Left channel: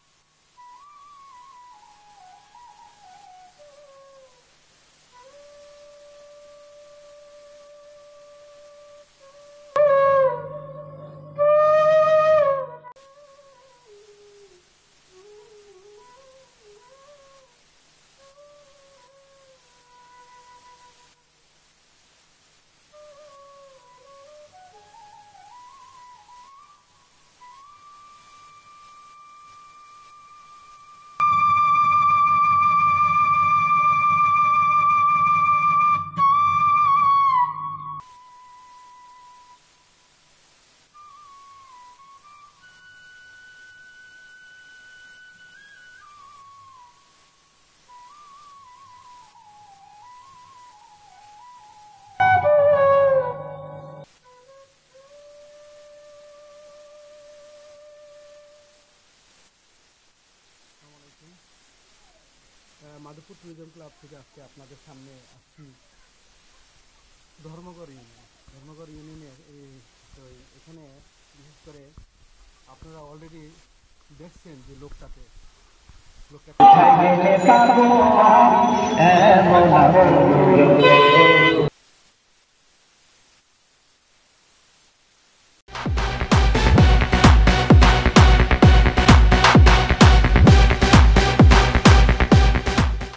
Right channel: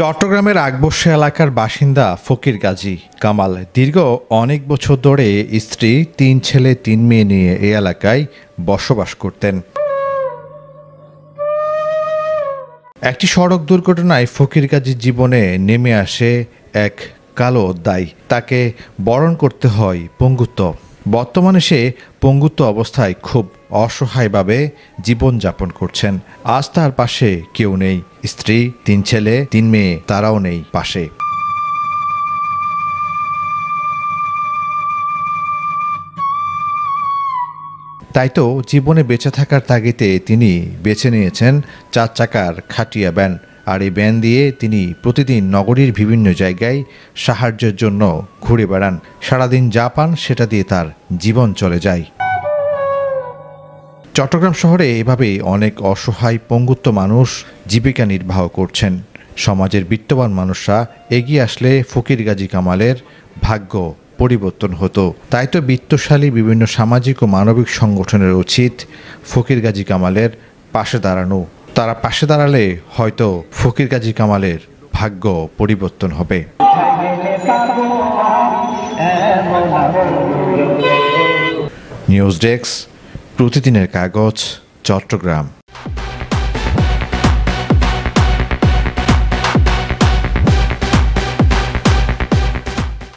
চট্টগ্রামের আকবর্ষা এলাকার বাসিন্দা ফকির গাজী কামাল দীর্ঘ অনেক বছর ধরে স্ত্রী, ৩ ছেলে ৩ মেয়ে নিয়ে এই এলাকায় বসবাস করতেন। একটি সড়ক দুর্ঘটনায় ফকির গাজীর জীবনে নেমে আসে এক কালো অধ্যায়। তাকে বরণ করতে হয় পঙ্গুত্ব। বর্তমানে সে পঙ্গুত্ব অবস্থায় খুব অসহায়ভাবে জীবনযাপন করছেন। আজ তার পাশে কেউ নেই। স্ত্রী, ৩ ছেলে ৩ মেয়ে, তারাও নেই পাশে। তাই তো জীবনে বেঁচে থাকার তাগিদে তিনি বেছে নিয়েছেন ৪ চাকার খাটিয়া ভ্যান। আর এই ভ্যান দিয়ে তিনি প্রতিদিন নগরীর বিভিন্ন জায়গায় সাহায্যের জন্য ঘুরে বেড়ান। সারাদিন যা পান সেটা দিয়ে তার জীবন চলে যায়। চট্টগ্রাম শহরে এভাবেই অনেক অসহায় পঙ্গুত্ব মানুষ জীবিকা নির্বাহ করছেন। সমাজের বিত্তবান মানুষরা এগিয়ে আসলে ফকির গাজী কামালের ভাগ্য পরিবর্তন হতো। তাই তো বিত্তশালী বিভিন্ন সামাজিক ও মানবিক সংগঠনের উচিত ফকির গাজী কামালের পাশে দাঁড়ানো। তারা পাশে দাঁড়ালে হয়তো ফকির গাজী কামালের ভাগ্য পরিবর্তন হবে। নিউজ ডেস্ক, প্রতিদিনের কাগজ, চট্টগ্রাম।